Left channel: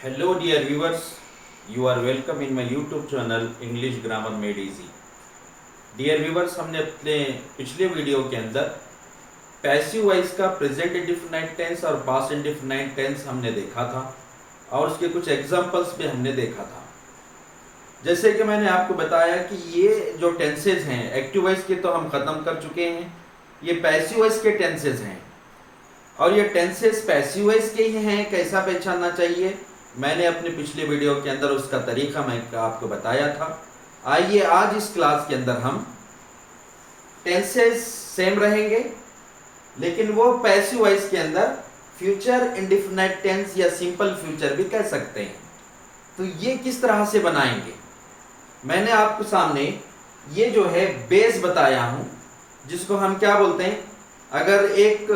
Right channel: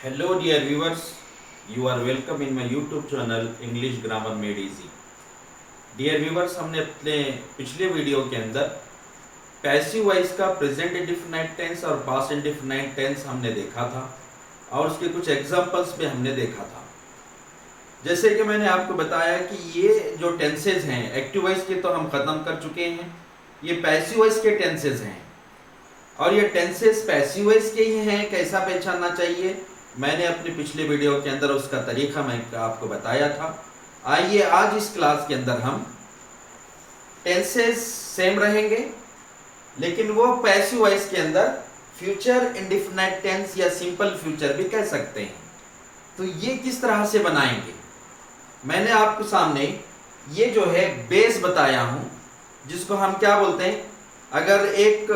Hello dear viewers, you are welcome in my YouTube channel English Grammar Made Easy. Dear viewers, हमने अपने पिछले video के अंदर passive voice का present indefinite tense और past indefinite tense हमने देखा था और उसके कुछ एग्जांपल्स भी हमने देखा था। जैसे कि मैंने आपको बताया कि ये जो टेंसेज हैं एक्टिव वॉइस के तो हम खत्म कर चुके हैं, ये पैसिव वॉइस के टेंसेज हैं और ये टेंसेस पैसिव वॉइस के ही हैं। कैसा पहचानना चाहिए मैंने अपने पिछले वीडियो के अंदर उसका तरीका मैं आपको बताया था। आइए आज इस क्लास के अंदर हम टेंसेस सेम रहेंगे लेकिन वो पैसिव वॉइस के अंदर फ्यूचर इंडेफिनाइट टेंस या सिंपल फ्यूचर भी कह सकते हैं। तो ये किस तरह से बनाएंगे मैंने आपको सामने ये जो है बेस बताया हूं, जिसको हम क्या बोलते हैं, अगर एक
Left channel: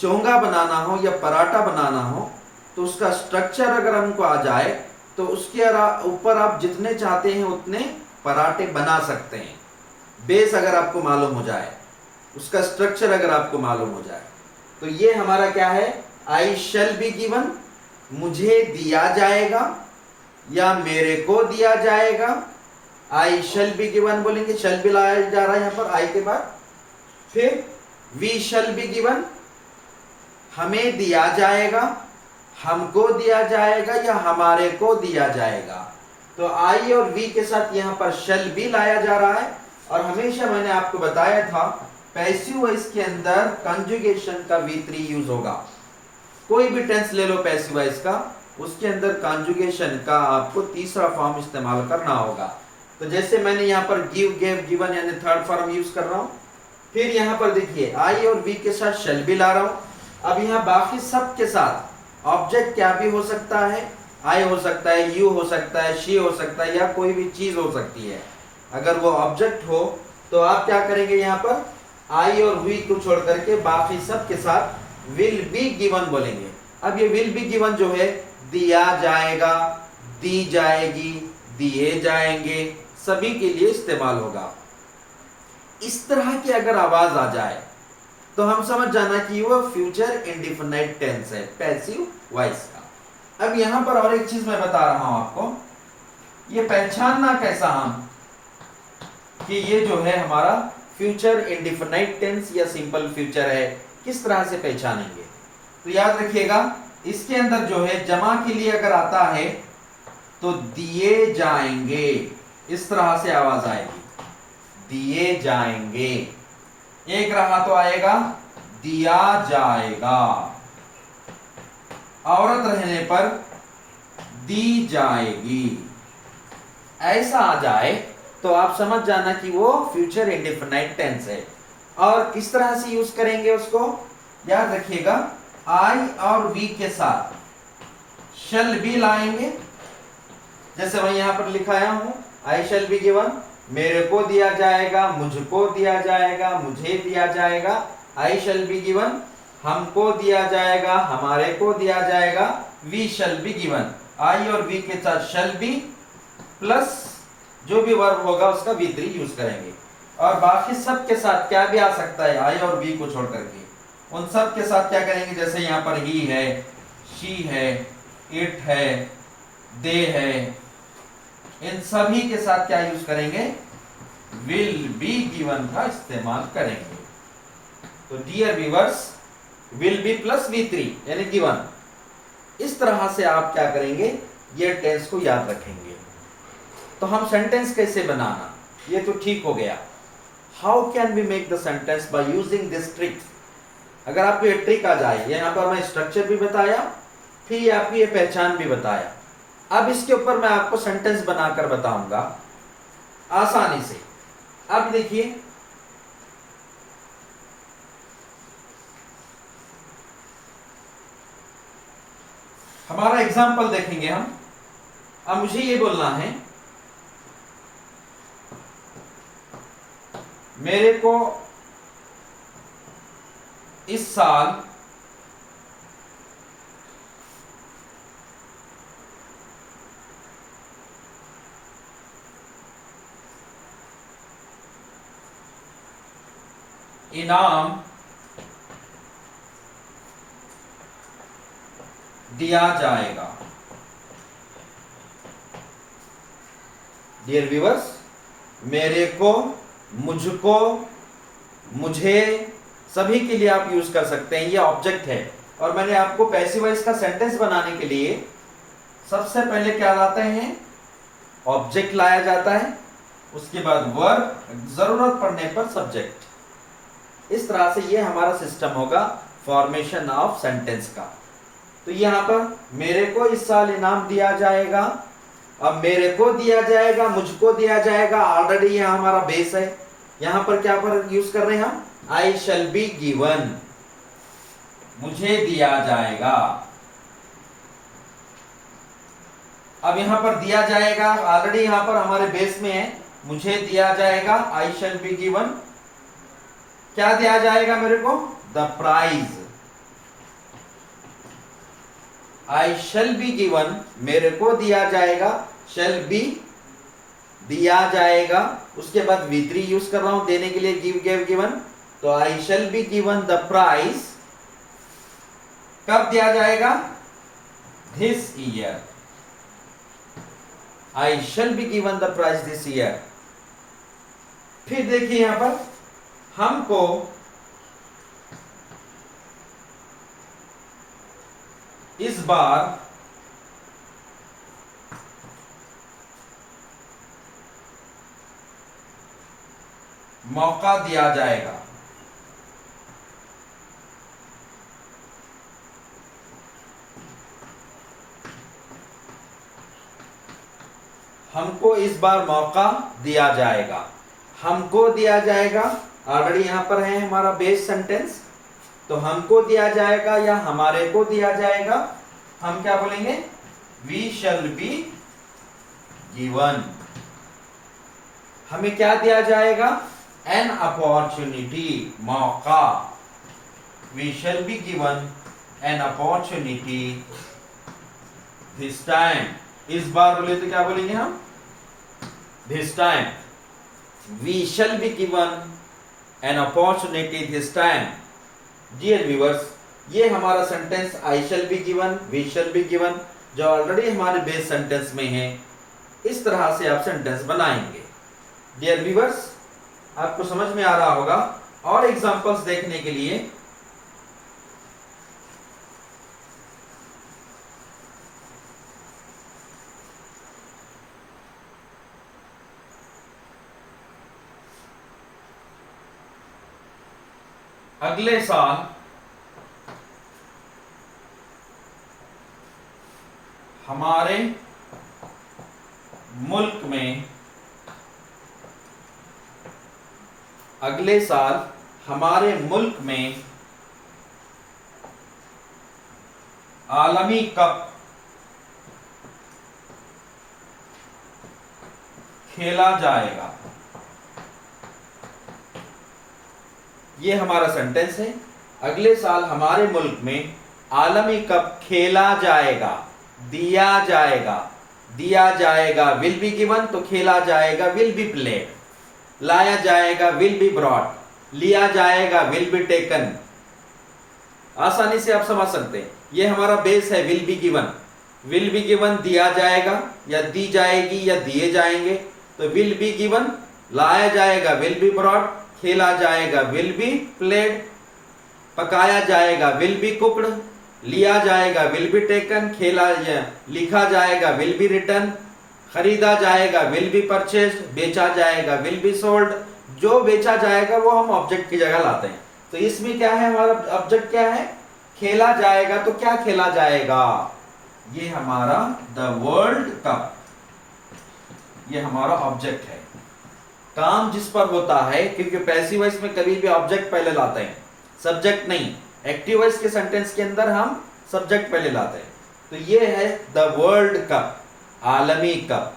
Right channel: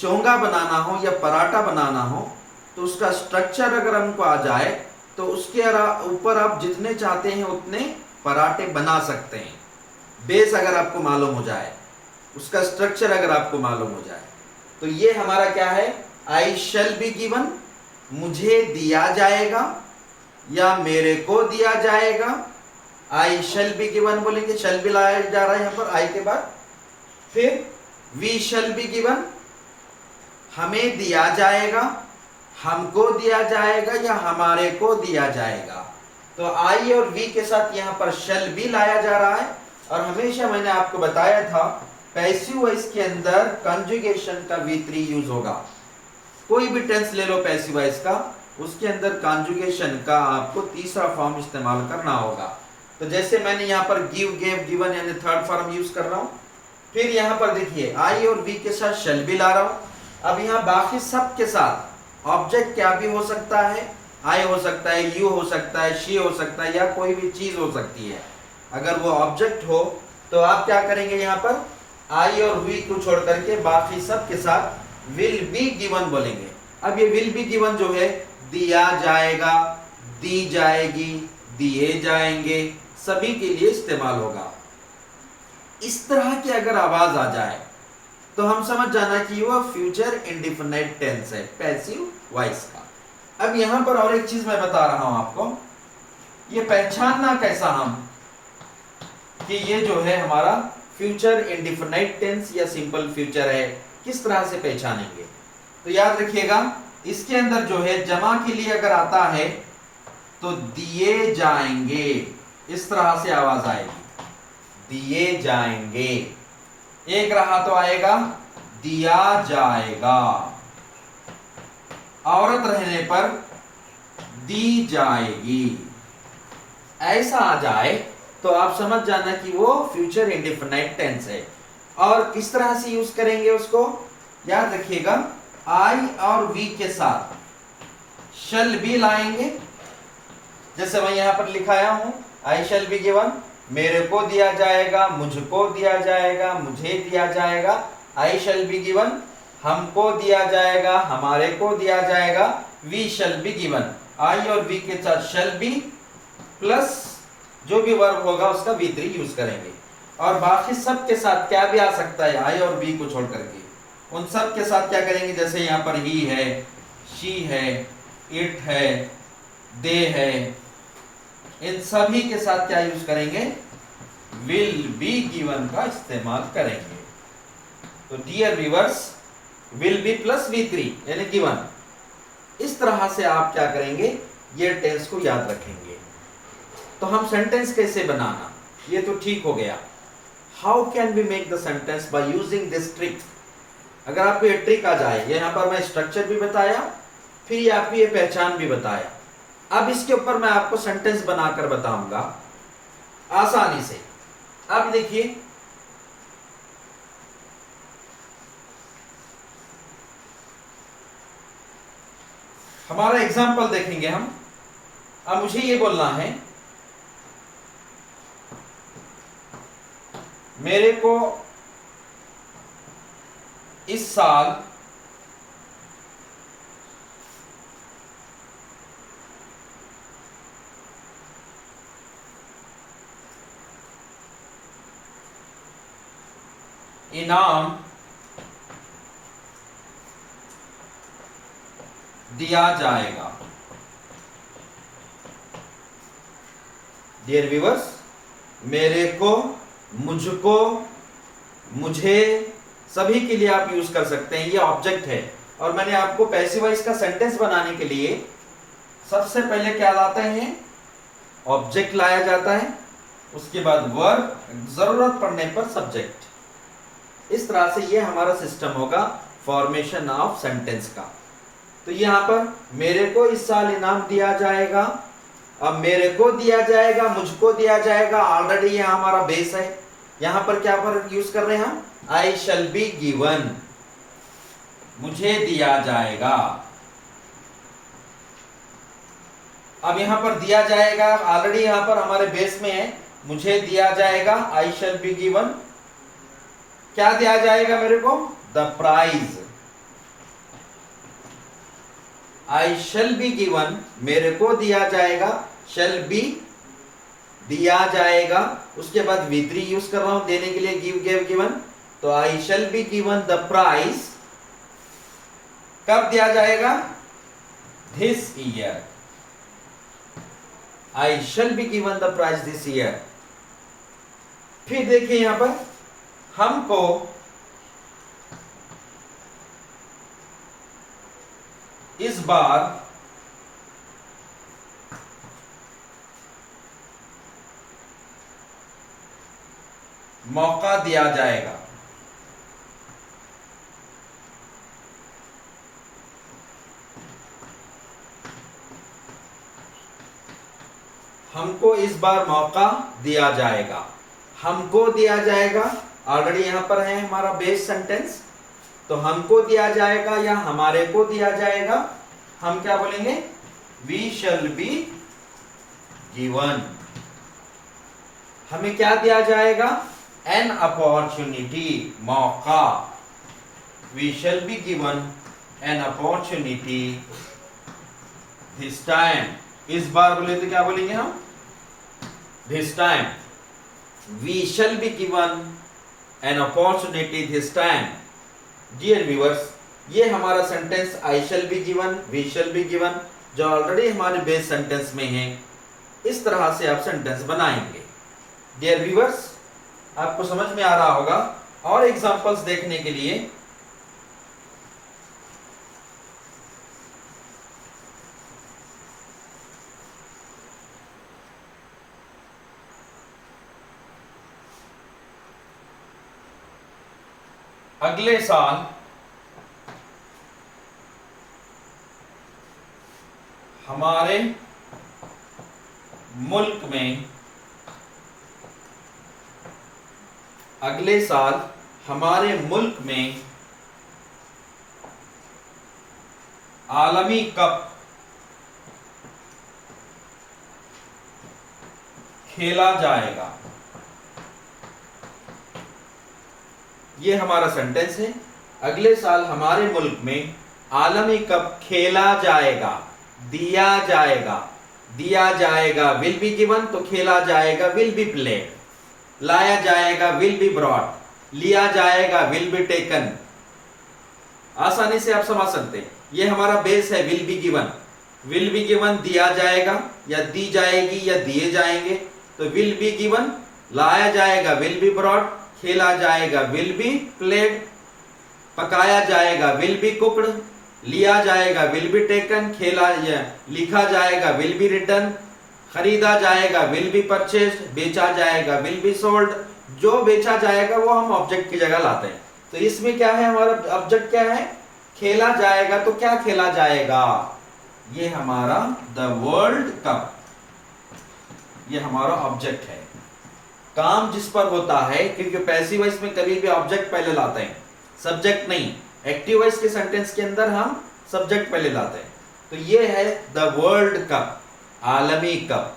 चोंगा बनाना हो या पराठा बनाना हो तो उसका स्ट्रक्चर अगर हमको आ जाए तो उसके ऊपर आप जितने चाहते हैं उतने पराठे बना सकते हैं। बेस अगर आपको मालूम हो जाए, उसका स्ट्रक्चर अगर आपको मालूम हो जाए, तो ये हमारा क्या है, आई शैल बी गिवन, मुझे दिया जाएगा या मेरे को दिया जाएगा। आई शैल बी गिवन बोलेंगे, शैल बी लाया जा रहा है यहां पर आई के बाद। फिर वी शैल बी गिवन, हमें दिया जाएगा, हमको दिया जाएगा या हमारे को दिया जाएगा। तो आई और वी के साथ यहां पर शैल बी लाया जा रहा है। और हमेशा मैंने आपको बताया था पैसिव वॉइस के अंदर कंजुगेशन का V3 यूज होगा। कोई भी टेंस ले लो पैसिव वॉइस का, उसके अंदर कंजुगेशन का आपको तीसरा फॉर्म इस्तेमाल करना होगा। तो जैसे मैंने यहां पर गिव, गेव, गिवन यानी थर्ड फॉर्म यूज कर रहा हूं। फिर यहां पर देखिए आई और वी के साथ शैल बी ला रहा हूं। अब यहां बाकी सब के साथ ऑब्जेक्ट क्या भी हो सकता है, आई हो सकता है, यू हो सकता है, शी हो सकता है या कोई भी चीज हो सकती है। अगर वो ऑब्जेक्ट हो तो आप क्या करेंगे, यहां पर आई और वी को छोड़ करके बाकी सब के साथ विल बी गिवन बोलेंगे। अब ये विल बी गिवन जो है दिया जाएगा, दी जाएगी, दिए जाएंगे, सभी के लिए इस्तेमाल होगा। इस तरह की अगर आवाज आ जाए तो हम समझ जाना कि वह फ्यूचर इंडेफिनाइट टेंस है पैसिव वॉइस का। अब यहां पर और एक चीज मैं बता रहा हूं आपको, ये पहचानना कैसा हम कि ये जो है हमारा फ्यूचर इंडेफिनाइट टेंस या सिंपल फ्यूचर है, किस तरह से पहचानेंगे। तो याद रखिएगा इसके अंदर जो है जमा के लिए अगर आता है तो दिए जाएंगे, इस तरह से आवाज आएगी, दिए जाएंगे। एक रहा तो आएगा दिया जाएगा, औरत रहने पर दी जाएगी। ऐसा आ जाए तो आप समझ जाना कि वो फ्यूचर इंडेफिनाइट टेंस है। और किस तरह से यूज करेंगे उसको, याद रखिएगा आई और वी के साथ शैल बी लाएंगे। जैसे मैं यहां पर लिखाया हूं, आई शैल बी गिवन, मेरे को दिया जाएगा, मुझको दिया जाएगा, मुझे दिया जाएगा। आई शैल बी गिवन, हमको दिया जाएगा, हमारे को दिया जाएगा। वी शैल बी गिवन, आई और वी के साथ शैल बी प्लस जो भी वर्ब होगा उसका V3 यूज करेंगे। और बाकी सब के साथ क्या भी आ सकता है, आई और वी को छोड़ करके उन सब के साथ क्या करेंगे, जैसे यहां पर ही है, शी है, इट है, दे है, इन सभी के साथ क्या यूज करेंगे, विल बी गिवन का इस्तेमाल करेंगे। तो dear viewers, will be plus V3 यानी गिवन, इस तरह से आप क्या करेंगे, ये टेंस को याद रखेंगे। तो हम सेंटेंस कैसे बनाना, ये तो ठीक हो गया। How can we make the sentence by using this trick. अगर आपको ये ट्रिक आ जाए, यहां पर मैं स्ट्रक्चर भी बताया, फिर आपको ये पहचान भी बताया। अब इसके ऊपर मैं आपको सेंटेंस बनाकर बताऊंगा आसानी से। अब देखिए हमारा एग्जाम्पल देखेंगे हम। अब मुझे ये बोलना है, मेरे को इस साल इनाम दिया जाएगा। डियर व्यूअर्स, मेरे को, मुझको, मुझे, सभी के लिए आप यूज कर सकते हैं। ये ऑब्जेक्ट है। और मैंने आपको पैसिव वॉइस का सेंटेंस बनाने के लिए सबसे पहले क्या लाते हैं, ऑब्जेक्ट लाया जाता है, उसके बाद वर्ब, जरूरत पड़ने पर सब्जेक्ट। इस तरह से ये हमारा सिस्टम होगा फॉर्मेशन ऑफ सेंटेंस का। तो यहां पर मेरे को इस साल इनाम दिया जाएगा। अब मेरे को दिया जाएगा, मुझको दिया जाएगा, ऑलरेडी ये हमारा बेस है। यहां पर क्या पर यूज कर रहे हैं हम, आई शैल बी गिवन, मुझे दिया जाएगा। अब यहां पर दिया जाएगा ऑलरेडी यहां पर हमारे बेस में है, मुझे दिया जाएगा, आई शैल बी गिवन। क्या दिया जाएगा मेरे को, the prize. I shall be given, मेरे को दिया जाएगा, शैल बी दिया जाएगा। उसके बाद V3 यूज कर रहा हूं देने के लिए, गिव, गिव, गिवन। तो I shall be given the prize. कब दिया जाएगा, this year. I shall be given the prize this year. फिर देखिए यहां पर हमको इस बार मौका दिया जाएगा। हमको इस बार मौका दिया जाएगा। हमको दिया जाएगा ऑलरेडी यहां पर है हमारा बेस सेंटेंस। तो हमको दिया जाएगा या हमारे को दिया जाएगा, हम क्या बोलेंगे, वी शैल बी गिवन। हमें क्या दिया जाएगा, एन अपॉर्चुनिटी, मौका। We shall be given an opportunity this time. इस बार बोले तो क्या बोलेंगे हम, this time. We shall be given an opportunity this time. Dear viewers, ये हमारा sentence I shall be given, we shall be given, जो ऑलरेडी हमारे बेस सेंटेंस में है। इस तरह से आप सेंटेंस बनाएंगे। डियर व्यूअर्स, आपको समझ में आ रहा होगा। और एग्जांपल्स देखने के लिए अगले साल हमारे मुल्क में, अगले साल हमारे मुल्क में आलमी कप खेला जाएगा। ये हमारा सेंटेंस है। अगले साल हमारे मुल्क में आलमी कप खेला जाएगा, दिया जाएगा। दिया जाएगा विल बी गिवन, तो खेला जाएगा विल बी प्लेड। लाया जाएगा विल बी ब्रॉट, लिया जाएगा विल बी टेकन। आसानी से आप समझ सकते हैं। ये हमारा बेस है will be given. Will be given दिया जाएगा या दी जाएगी या दिए जाएंगे, तो विल बी गिवन। लाया जाएगा विल बी ब्रॉट, खेला जाएगा विल बी प्लेड। पकाया जाएगा विल बी कुक्ड, लिया जाएगा विल बी टेकन, खेला या लिखा जाएगा विल बी रिटन, खरीदा जाएगा विल बी परचेस्ड, बेचा जाएगा विल बी सोल्ड। जो बेचा जाएगा वो हम ऑब्जेक्ट की जगह लाते हैं। तो इसमें क्या है, हमारा ऑब्जेक्ट क्या है, खेला जाएगा। तो क्या खेला जाएगा, ये हमारा द वर्ल्ड कप, ये हमारा ऑब्जेक्ट है। काम जिस पर होता है, क्योंकि पैसिव वॉइस में कभी भी ऑब्जेक्ट पहले लाते हैं, सब्जेक्ट नहीं। एक्टिव वॉइस के सेंटेंस के अंदर हम सब्जेक्ट पहले लाते हैं। तो ये है द वर्ल्ड कप, आलमी कप।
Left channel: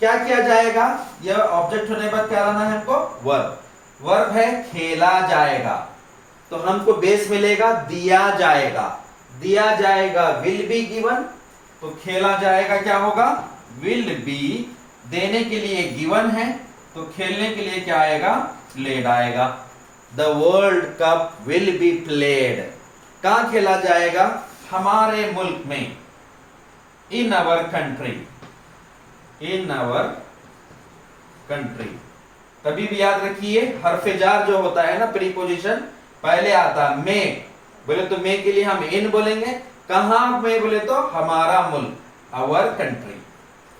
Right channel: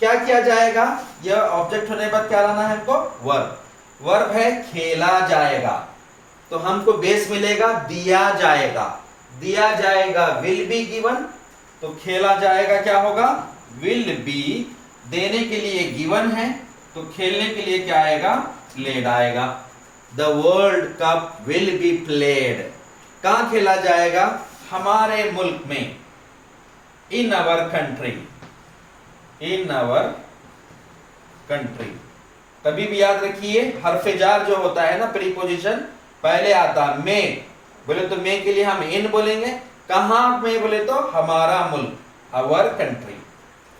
क्या किया जाएगा, यह ऑब्जेक्ट होने पर क्या लाना है हमको, वर्ब। वर्ब है खेला जाएगा, तो हमको बेस मिलेगा दिया जाएगा। दिया जाएगा विल बी गिवन, तो खेला जाएगा क्या होगा, विल बी। देने के लिए गिवन है, तो खेलने के लिए क्या आएगा, प्लेड आएगा। The world cup will be played. कहां खेला जाएगा, हमारे मुल्क में, इन our country, in our country. कभी भी याद रखिए हरफे जार जो होता है ना प्रीपोजिशन पहले आता में, बोले तो में के लिए हम इन बोलेंगे, कहां में बोले तो हमारा मुल्क, our country,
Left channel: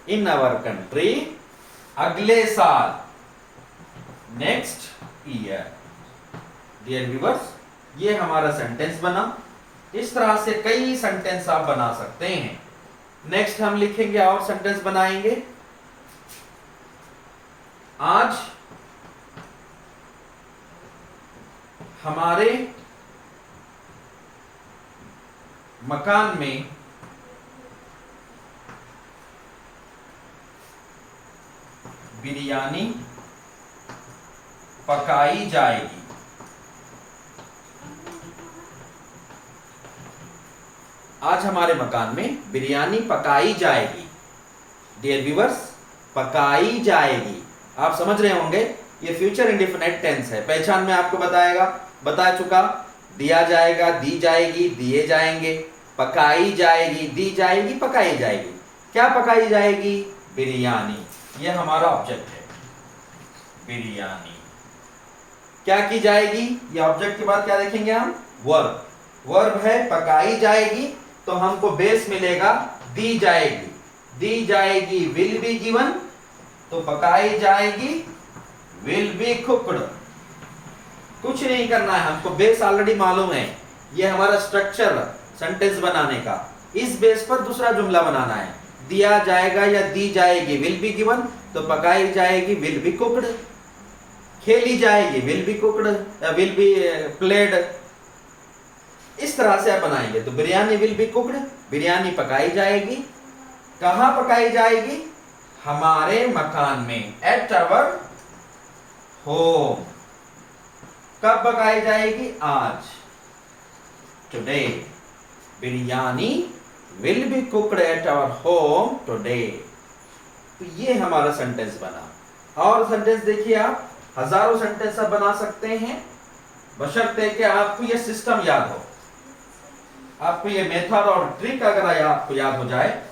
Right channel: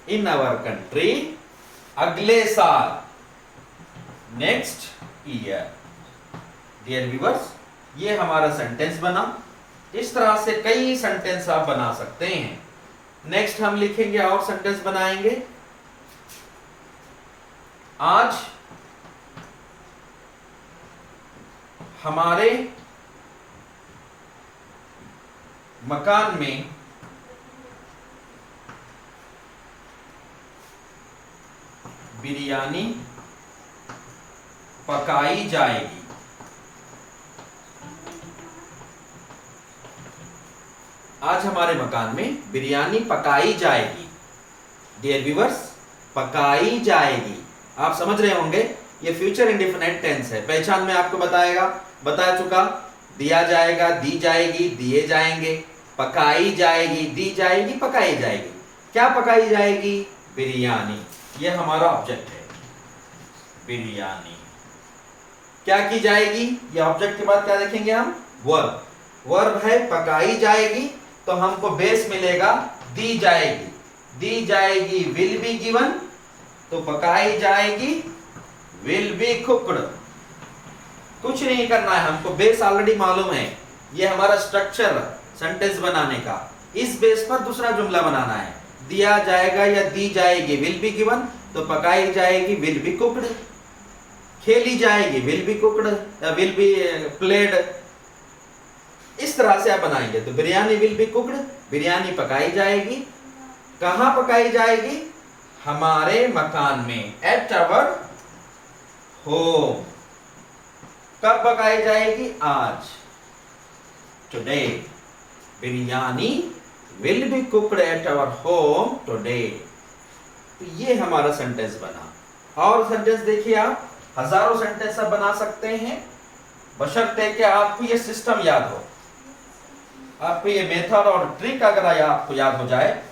in our country, अगले साल, नेक्स्ट ईयर। डियर व्यूअर्स, ये हमारा सेंटेंस बना। इस तरह से कई सेंटेंस आप बना सकते हैं। नेक्स्ट हम लिखेंगे और सेंटेंस बनाएंगे। आज हमारे मकान में बिरयानी पकाई जाएगी। आज हमारे मकान में बिरयानी पकाई जाएगी। डियर व्यूअर्स, पकाई जाएगी, आप समझ रहे होंगे ये फ्यूचर इंडेफिनिट टेंस है। पहचान में आपको बता चुका, दिया जाएगा, दी जाएगी, दिए जाएंगे, पकाई जाएगी, दी जाएगी, पकाई जाएगी। क्या पकाई जाएगी? बिरयानी। ये हमारा ऑब्जेक्ट है, बिरयानी। क्या की जाएगी? ये ऑब्जेक्ट के बाद क्या देखेंगे हम? वर्ब। वर्ब है पकाई जाएगी, तो हमको बेस मिलेगा दी जाएगी। दी जाएगी विल बी गिवन, तो पकाई जाएगी विल बी कुक्ड। कुछ नहीं करना है हमको, बेस ऑलरेडी मालूम है। ये हमारा स्ट्रक्चर सेंटेंस बनाने का। इस बेस पर दूसरा जुमला बनाना है। दिया जाएगा या दी जाएगी विल बी गिवन, तो पकाई जाएगी विल बी कुक्ड। खेली जाएगी will be cooked, will be played. इस तरह से आप बनाएंगे। तो biryani will be cooked, biryani पकाई जाएगी। कहां पकाई जाएगी? हमारे मकान में, एट अवर होम। कब पकाई जाएगी? आज, today. Biryani will be cooked at our home today. तो ये हमारा सेंटेंस बना। और सेंटेंस देखिए, आप हजारों सेंटेंस आप बना सकते हैं, बशर्ते कि आपको ये सिस्टम याद हो, आपको ये मेथड और ट्रिक अगर आपको याद हो जाए,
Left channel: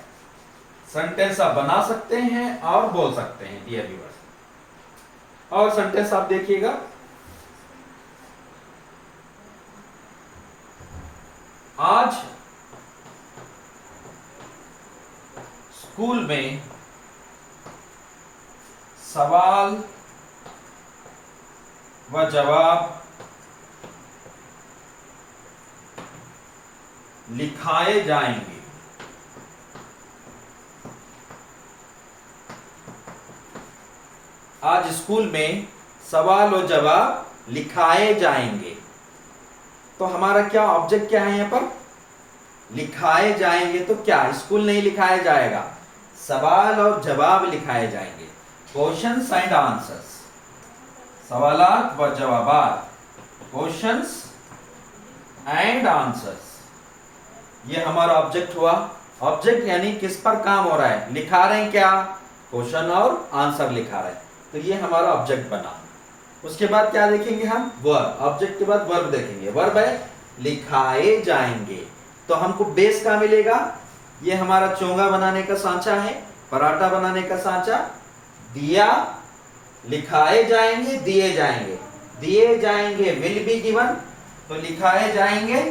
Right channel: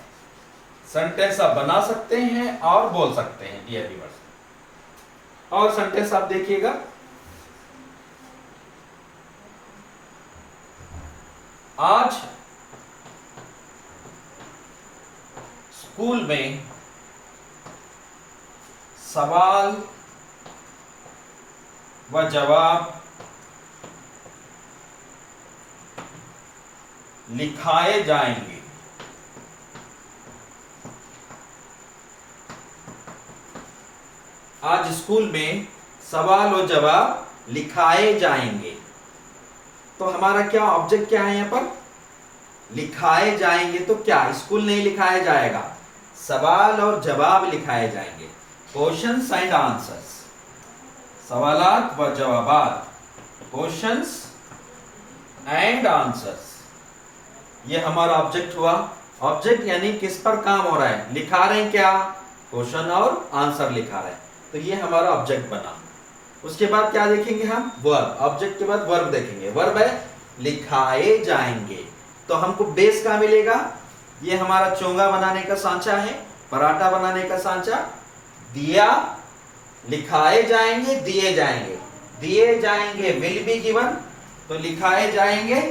सेंटेंस आप बना सकते हैं और बोल सकते हैं। डियर व्यूअर्स, और सेंटेंस आप देखिएगा। आज स्कूल में सवाल व जवाब लिखाए जाएंगे। आज स्कूल में सवाल और जवाब लिखाए जाएंगे। तो हमारा क्या ऑब्जेक्ट क्या है यहां पर? लिखाए जाएंगे। तो क्या स्कूल नहीं लिखाया जाएगा, सवाल और जवाब लिखाए जाएंगे। क्वेश्चंस एंड आंसर्स, सवालात व जवाबात, क्वेश्चंस एंड आंसर्स। ये हमारा ऑब्जेक्ट हुआ। ऑब्जेक्ट यानी किस पर काम हो रहा है, लिखा रहे हैं क्या? क्वेश्चन और आंसर लिखा रहे हैं। तो ये हमारा ऑब्जेक्ट बना। उसके बाद क्या देखेंगे हम? वर्ब। ऑब्जेक्ट के बाद वर्ब देखेंगे। वर्ब है लिखाए जाएंगे। तो हमको बेस का मिलेगा, ये हमारा चोंगा बनाने का सांचा है, पराठा बनाने का सांचा। दिया, लिखाए जाएंगे, दिए जाएंगे। दिए जाएंगे विल बी गिवन, तो लिखाए जाएंगे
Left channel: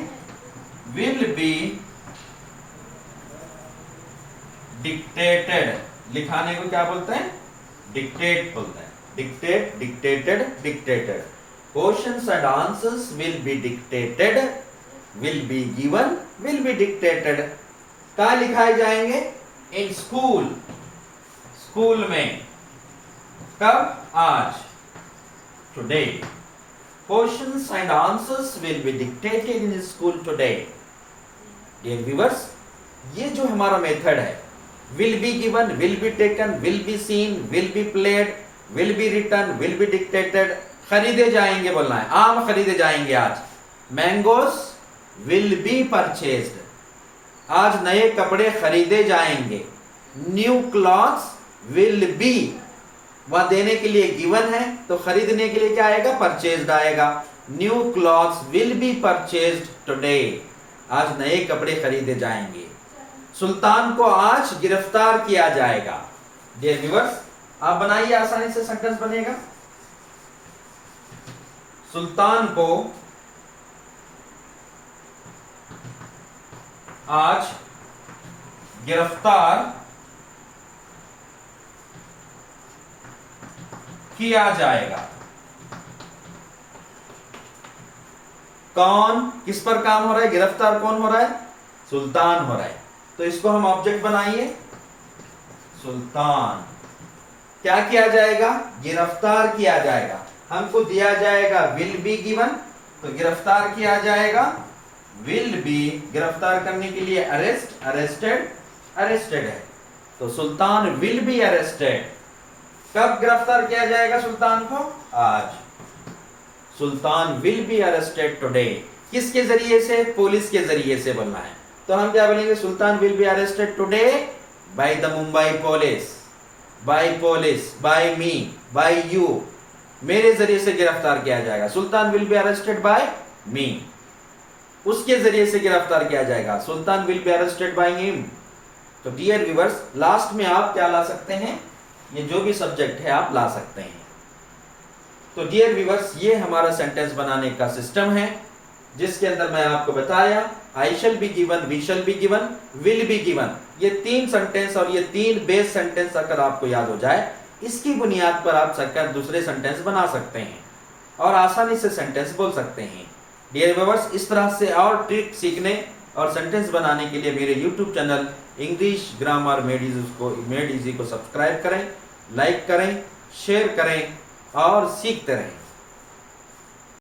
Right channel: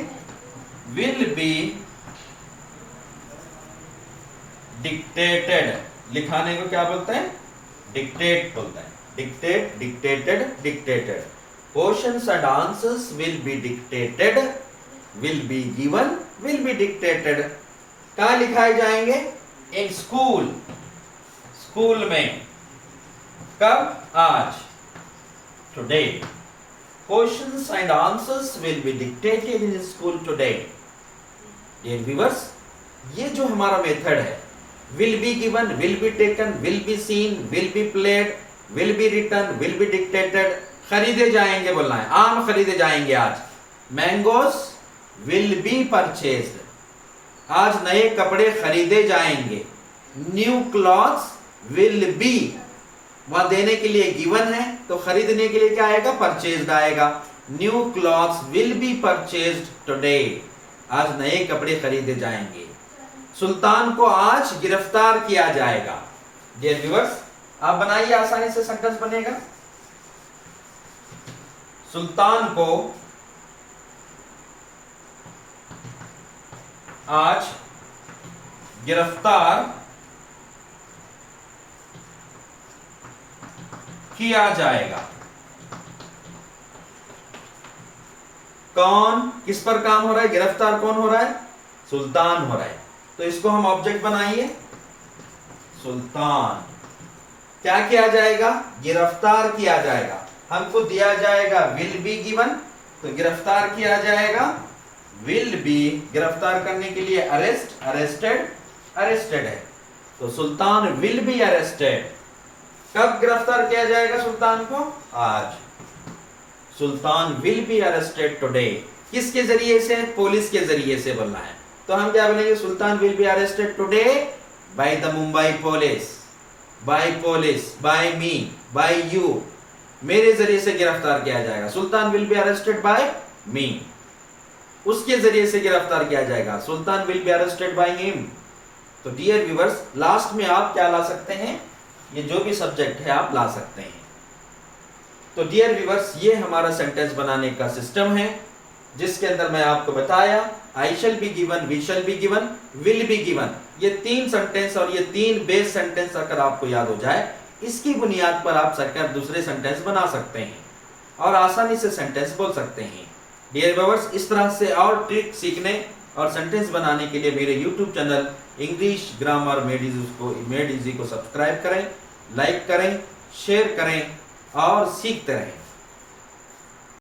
विल बी डिक्टेटेड। लिखाने को क्या बोलते हैं? डिक्टेट बोलते हैं। Dictate, dictated, dictated. Questions and answers will be dictated, will be given, will B dictated. कहां लिखाए जाएंगे? इन स्कूल, स्कूल में। कब? आज, today. Questions and answers will be dictated in school today. Dear viewers, ये जो हमारा मेथड है, will be given, will be taken, will be seen, will be played, will be written, will be dictated. खरीदे जाएंगे बोलना है, आम खरीदे जाएंगे आज। Mangoes will be purchased. आज नए कपड़े खरीदे जाएंगे। New clothes will be, वहां देने के लिए गिवन है, तो खरीदने के लिए क्या आएगा? परचेज्ड आएगा। New clothes will be purchased today. आज नए कपड़े खरीदे जाएंगे। सुल्तान को आज गिरफ्तार किया जाएगा। डियर व्यूअर्स, आप बनाइए, आसानी से सेंटेंस बनेगा। सुल्तान को आज गिरफ्तार किया जाएगा। कौन, किस पर काम हो रहा है? गिरफ्तार कौन हो रहा है? सुल्तान हो रहा है। तो इसको हम ऑब्जेक्ट बनाइए, सुल्तान। क्या किया जाएगा? गिरफ्तार किया जाएगा। हमको दिया जाएगा विल बी गिवन, तो गिरफ्तार किया जाएगा विल बी। गिरफ्तार करने के लिए अरेस्ट, अरेस्टेड, अरेस्टेड है, तो सुल्तान विल बी अरेस्टेड। कब गिरफ्तार किया जाएगा सुल्तान को? आज। सुल्तान विल बी अरेस्टेड टुडे। किसके जरिए से? पुलिस के जरिए से बोलना है। तो हम क्या बोलेंगे? Sultan will be arrested today by the Mumbai police, by police, by me, by you. मेरे जरिए से गिरफ्तार किया जाएगा। Sultan will be arrested by me, उसके जरिए से गिरफ्तार किया जाएगा। Sultan will be arrested by him. तो डियर व्यूअर्स, लास्ट में आप क्या ला सकते हैं? ये जो भी सब्जेक्ट है आप ला सकते हैं। तो डियर व्यूअर्स, ये हमारा सेंटेंस बनाने का सिस्टम है, जिसके अंदर मैं आपको बताया I shall be given, we shall be given, will be given. ये 3 सेंटेंस और ये 3 बेस सेंटेंस अगर आपको याद हो जाए, इसकी बुनियाद पर आप सरकार दूसरे सेंटेंस बना सकते हैं और आसानी से सेंटेंस बोल सकते हैं। डियर व्यूअर्स, इस तरह से और ट्रिक सीखने और सेंटेंस बनाने के लिए मेरे YouTube channel English grammar made easy को सब्सक्राइब करें, लाइक करें, शेयर करें और सीखते रहें।